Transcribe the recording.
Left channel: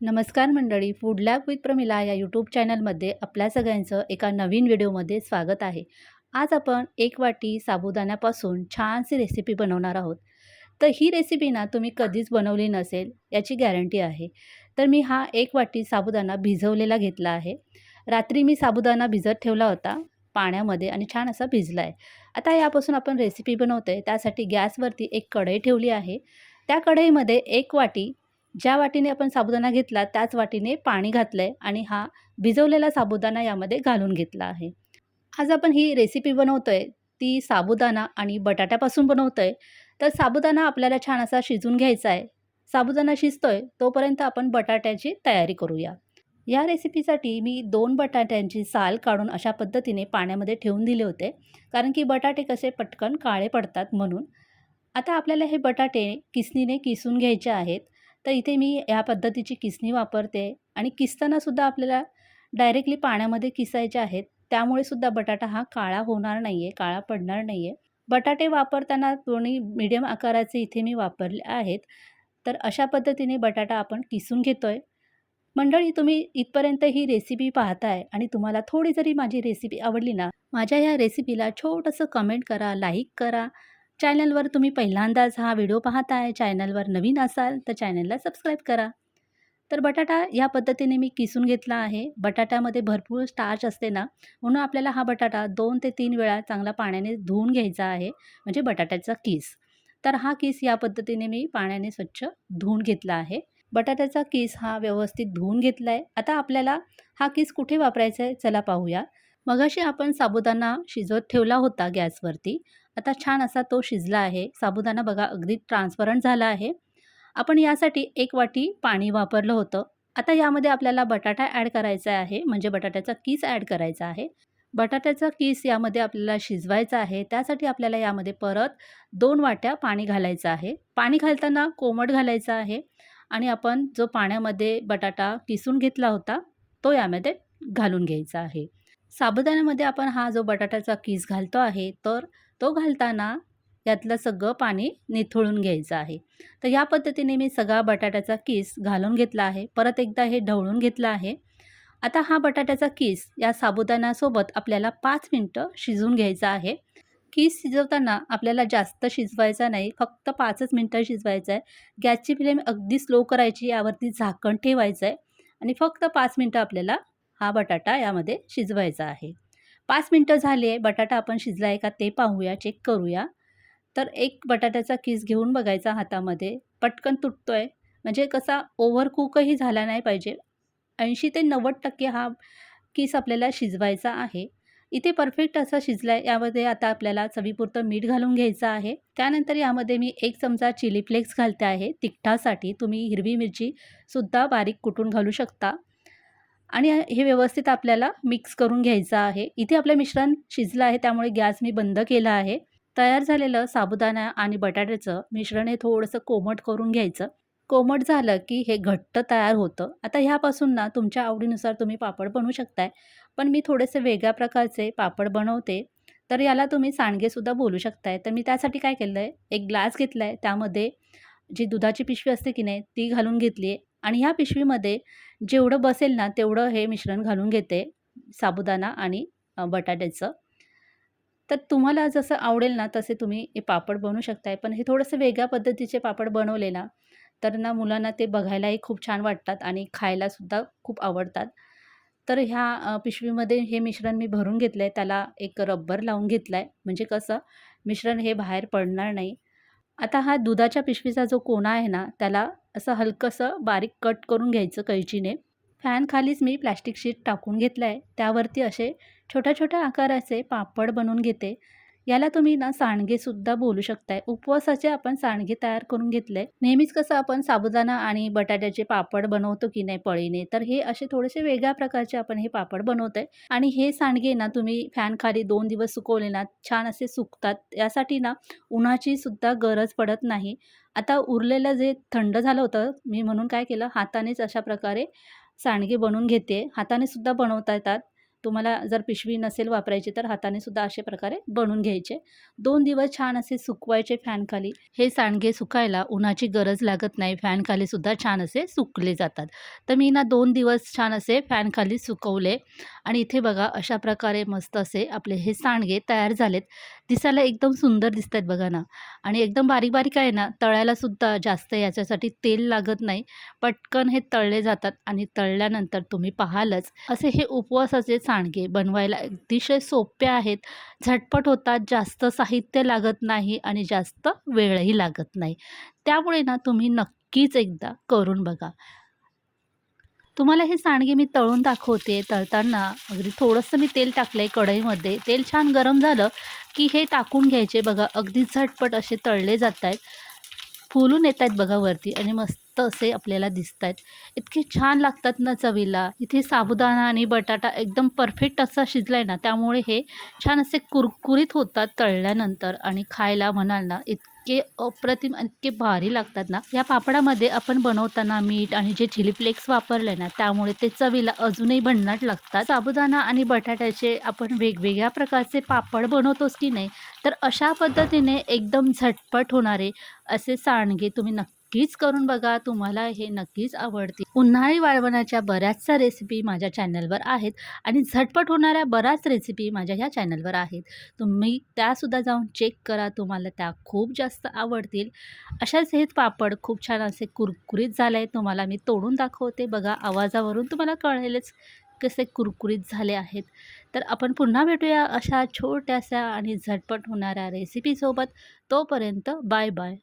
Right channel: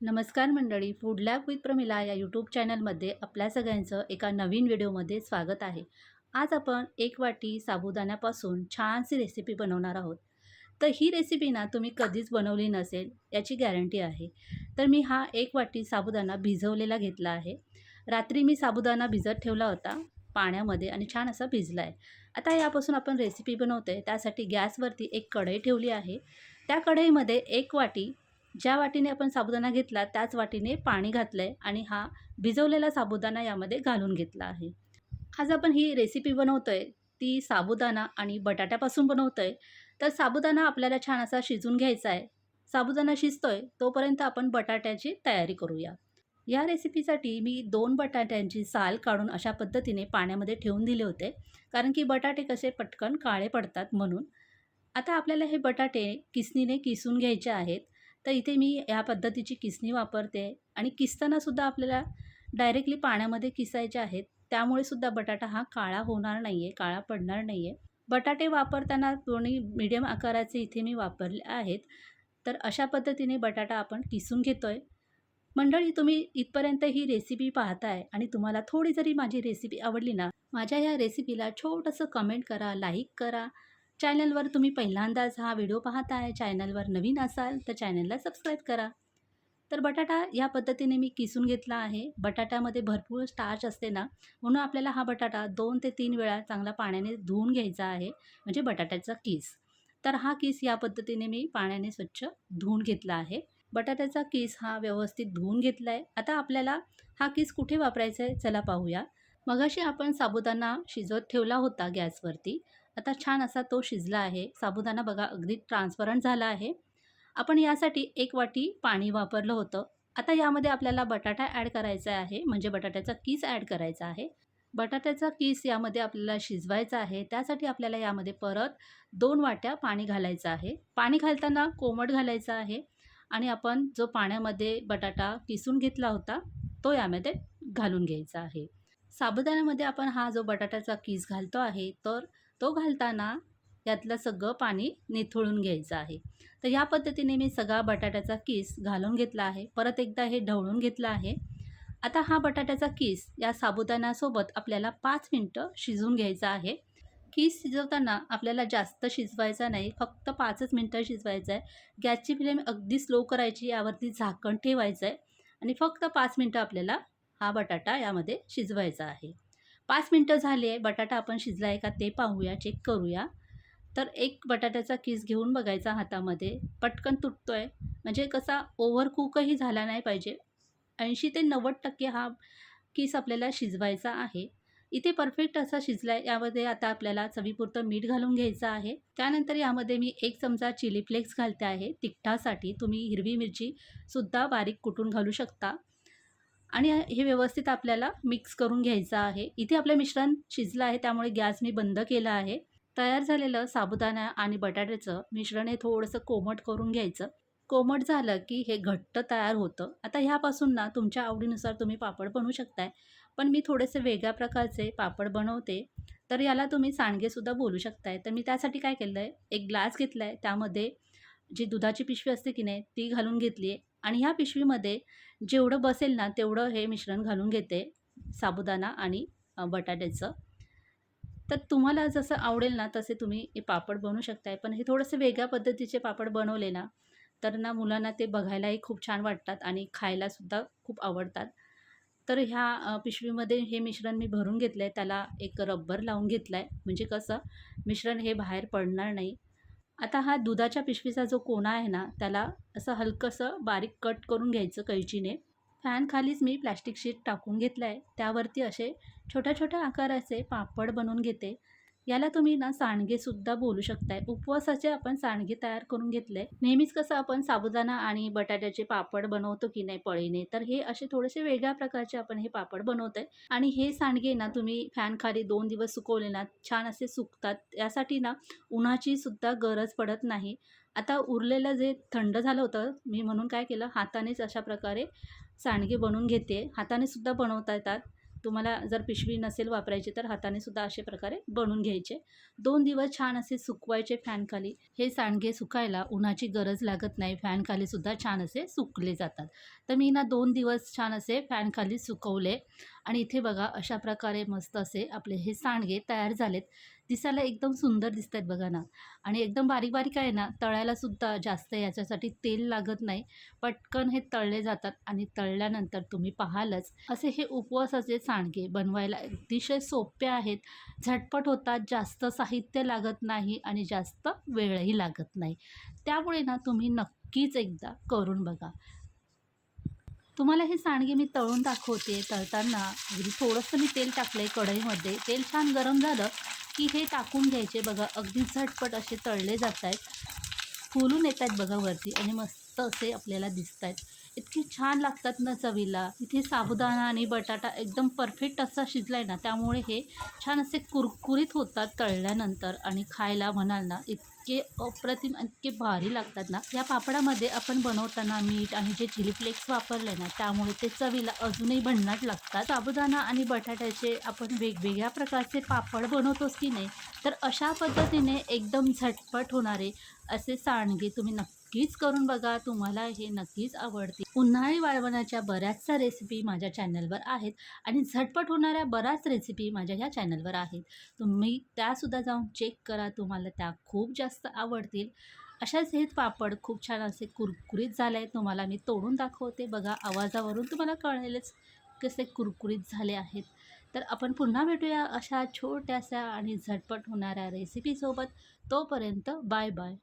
नमस्कार मंडळी, food lab with Pramila या यूट्यूब चॅनलमध्ये आपल्या सगळ्यांचं एका नवीन व्हिडिओमध्ये स्वागत आहे. आज आपण एक वाटी साबुदाण्यापासून छानशी रेसिपी बनवणार आहोत. तर ही रेसिपी ना तुम्ही कधीच बनवली नसेल याची गॅरंटी आहे. तर मी हा एक वाटी साबुदाणा भिजवलेला घेतला आहे. रात्री मी साबुदाणा भिजत ठेवला होता पाण्यामध्ये आणि छान असा भिजला आहे. आता यापासून आपण रेसिपी बनवतोय त्यासाठी गॅसवरती एक कढई ठेवली आहे. त्या कढईमध्ये एक वाटी ज्या वाटीने आपण साबुदाणा घेतला त्याच वाटीने पाणी घातलं आहे आणि हा भिजवलेला साबुदाणा यामध्ये घालून घेतला आहे. आज आपण ही रेसिपी बनवतोय ती साबुदाणा आणि बटाट्यापासून बनवतोय. तर साबुदाणा आपल्याला छान असा शिजवून घ्यायचा आहे. साबुदाणा शिजतोय तोपर्यंत आपण बटाट्याची तयारी करूया. या रेसिपीसाठी मी 2 बटाट्यांची साल काढून अशा पद्धतीने पाण्यामध्ये ठेवून दिले होते. कारण की बटाटे कसे पटकन काळे पडतात म्हणून. आता आपल्याला हे बटाटे किसणीने किसून घ्यायचे आहेत. तर इथे मी या पद्धतीची किसणी वापरते आणि किसतानासुद्धा आपल्याला डायरेक्टली पाण्यामध्ये किसायचे आहेत. त्यामुळे सुद्धा बटाटा हा काळा होणार नाही आहे, काळा पडणार नाही आहे. बटाटे वापरताना दोन्ही मीडियम आकाराचे इथे मी वापरले आहेत. तर अशा पद्धतीने बटाटा आपण किसून घेतोय. मंडळी, तुम्ही इथपर्यंत ही रेसिपी पाहताय आणि तुम्हाला थोडी जरी माझी रेसिपी आवडली ना, माझ्या या रेसिपीला छोटंसं कमेंट करा, लाईक करा. चॅनलवर तुम्ही पहिल्यांदाच हा व्हिडिओ पाहताय, चॅनलवर नवीन असाल तर चॅनलला सबस्क्राईब करा. तर बटाटा या पद्धतीने मी किसून घेतला आहे. बटाट्यामध्ये भरपूर स्टार्च असते ना, म्हणून आपल्याला हा बटाटा 2 ते 3 वेळा चांगला पाण्याने धुवून घ्यायचा आहे, म्हणजे बटाट्याचा किस. तर हा किस या पद्धतीने मी पाण्याने स्वच्छ धुवून घेतला आहे. बटाट्याचा किस हा व्यवस्थित धुवून घेतला आहे. आता आपल्याला हा किस कुठे वापरायचा आहे चला पाहूया. मगाशी आपण साबुदाणा शिजवत ठेवला होता गॅसवरती. आता छान असा तो शिजला आहे. साबुदाणा बघा अगदी ट्रान्सपरंट झाला आहे. आपण यासाठी 1 वाटी पाणी वापरलं होतं. आता यामध्ये आपल्याला बटाटा ॲड करायचा आहे, म्हणजे बटाट्याचा किस ॲड करायचा आहे. बटाट्याचा किस यामध्ये आपल्याला शिजवायचा आहे. त्यासाठी आपल्याला यामध्ये परत 2 वाट्या पाणी घालायचं आहे. पाणी घालताना कोमट घालायचं आहे आणि आपण जो पाण्यामध्ये बटाटा किसून घेतला होता, तो यामध्ये घालून घ्यायचा आहे. साबुदाण्यामध्ये आपण हा जो बटाट्याचा किस घालतो आहे, तर तो घालताना यातलं सगळं पाणी निथळून घ्यायचं आहे. तर या पद्धतीने मी सगळा बटाट्याचा किस घालून घेतला आहे. परत एकदा हे ढवळून घेतलं आहे. आता हा बटाट्याचा किस या साबुदाण्यासोबत आपल्याला 5 मिनिटं शिजवून घ्यायचा आहे. किस शिजवताना आपल्याला जास्त शिजवायचा नाही, फक्त 5च मिनिटं शिजवायचं आहे. गॅसची फ्लेम अगदी स्लो करायची, यावरती झाकण ठेवायचं आहे आणि फक्त 5 मिनिटं आपल्याला हा बटाटा यामध्ये शिजवायचा आहे. 5 मिनिटं झाली आहे. बटाटा आपण शिजला आहे का ते पाहूया, चेक करूया. तर एक बटाट्याचा किस घेऊन बघायचा हातामध्ये. पटकन तुटतोय, म्हणजे कसा ओव्हर कुकही झाला नाही पाहिजे. 80 ते 90% हा किस आपल्याला शिजवायचा आहे. इथे परफेक्ट असा शिजला आहे. यामध्ये आता आपल्याला चवीपुरतं मीठ घालून घ्यायचं आहे. त्यानंतर यामध्ये मी 1 चमचा चिली फ्लेक्स घालते आहे तिखटासाठी. तुम्ही हिरवी मिरचीसुद्धा बारीक कुटून घालू शकता आणि हे व्यवस्थित आपल्याला मिक्स करून घ्यायचं आहे. इथे आपलं मिश्रण शिजलं आहे, त्यामुळे गॅस मी बंद केला आहे. तयार झालेलं साबुदाणा आणि बटाट्याचं मिश्रण हे थोडंसं कोमट करून घ्यायचं. कोमट झालं की हे घट्ट तयार होतं. आता ह्यापासून ना तुमच्या आवडीनुसार तुम्ही पापड बनवू शकताय. पण मी थोडेसे वेगळ्या प्रकारचे पापड बनवते. तर याला तुम्ही सांडगेसुद्धा बोलू शकताय. तर मी त्यासाठी काय केलं आहे, एक ग्लास घेतला आहे. त्यामध्ये जी दुधाची पिशवी असते की नाही ती घालून घेतली आहे आणि ह्या पिशवीमध्ये जेवढं बसेल ना तेवढं हे मिश्रण घालून घेते, साबुदाणा आणि बटाट्याचं. तर तुम्हाला जसं आवडेल ना तसे तुम्ही हे पापड बनवू शकताय. पण हे थोडंसं वेगळ्या पद्धतीचे पापड बनवले ना, तर ना मुलांना ते बघायलाही खूप छान वाटतात आणि खायलासुद्धा खूप आवडतात. तर ह्या पिशवीमध्ये हे मिश्रण मी भरून घेतलं आहे. त्याला एक रबर लावून घेतला आहे, म्हणजे कसं मिश्रण हे बाहेर पडणार नाही. आता हा दुधाच्या पिशवीचा जो कोना आहे ना, त्याला असं हलकंसं बारीक कट करून घ्यायचं कैचीने. फॅनखालीच मी प्लॅस्टिक शीट टाकून घेतलं आहे. त्यावरती असे छोट्या-छोट्या आकाराचे पापड बनवून घेते. याला तुम्ही ना सांडगेसुद्धा बोलू शकताय. उपवासाचे आपण सांडगे तयार करून घेतले. नेहमीच कसं आपण साबुदाणा आणि बटाट्याचे पापड बनवतो की नाही पळीने, तर हे असे थोडेसे वेगळ्या प्रकारचे आपण हे पापड बनवतोय आणि हे सांडगे ना तुम्ही फॅनखाली 2 दिवस सुकवले ना, छान असे सुकतात. यासाठी ना उन्हाची सुद्धा गरज पडत नाही. आता उरलेलं जे थंड झालं होतं, मी म्हणून काय केलं हातानेच अशा प्रकारे सांडगे बनवून घेते. हाताने सुद्धा बनवता येतात. तुम्हाला जर पिशवी नसेल वापरायची तर हाताने सुद्धा अशा प्रकारे बनवून घ्यायचे. 2 दिवस छान असे सुकवायचे फॅनखाली. हे सांडगे सुकायला उन्हाची गरज लागत नाही. फॅनखाली सुद्धा छान असे सुकले जातात. तर मी ना 2 दिवस छान असे फॅनखाली सुकवले आणि इथे बघा अशा प्रकारे मस्त असे आपले हे सांडगे तयार झालेत. दिसायला एकदम सुंदर दिसतायत बघा ना आणि एकदम बारीक-बारीक आहे ना, तळायला सुद्धा जास्त याच्यासाठी तेल लागत नाही. पटकन हे तळले जातात आणि तळल्यानंतर तुम्ही पाहालच असे हे उपवासाचे सांडगे बनवायला अतिशय सोपे आहेत. झटपट होतात, जास्त साहित्य लागत नाही आणि जास्त वेळही लागत नाही. त्यामुळे ना तुम्ही नक्कीच एकदा करून बघा. तुम्हाला हे सांडगे मी तळून दाखवते. तळताना अगदी थोडंसं मी तेल टाकलंय कढईमध्ये. तेल छान गरम झालं, की हे टाकून घ्यायचे. बघा अगदी झटपट असे तळले जातायत. फुलून येतायत बघा वरती आणि मस्त असे आपल्याला दिसतायत. इतके छान लागतात ना चवीला. इथे साबुदाणा आणि बटाटा एकदम परफेक्ट असा शिजलाय ना, त्यामुळे हे छान असे कुरकुरीत होतात तळल्यानंतर आणि खायला म्हणाल ना, इतके अप्रतिम, इतके भारी लागतात ना. या पापडामध्ये आपण बनवताना मीठ आणि जे चिली फ्लेक्स वापरले ना, त्यामुळे ते चवीला अजूनही भन्नाट लागतात. साबुदाणा आणि बटाट्याचे आपण वेगवेगळ्या प्रकारचे पापड बनवतोच की नाही, तर अशा पद्धतीने एकदम झटपट होणारे असे सांडगे तुम्ही नक्कीच करून बघा. तुम्हाला हे नक्कीच आवडतील. उन्हाळी वाळवणाच्या बऱ्याचशा रेसिपी माझ्या चॅनलवर आहेत आणि झटपट होणाऱ्या बऱ्याच रेसिपी माझ्या ह्या चॅनलवर आहेत. तुम्ही त्यासुद्धा जाऊन चेक करा. तुम्हाला त्या खूप जास्त आवडतील. अशाच हेच पापड खूप छान असे कुरकुरीत झाले आहेत. तुम्हाला मी तोडून दाखवते. बघा आवाजावरून तुम्हाला कळेलच कसे कुरकुरीत झाले आहेत. तर आपण पुन्हा भेटूया अशा छोट्याशा आणि झटपट होणाऱ्या रेसिपीसोबत. तोपर्यंत बाय बाय.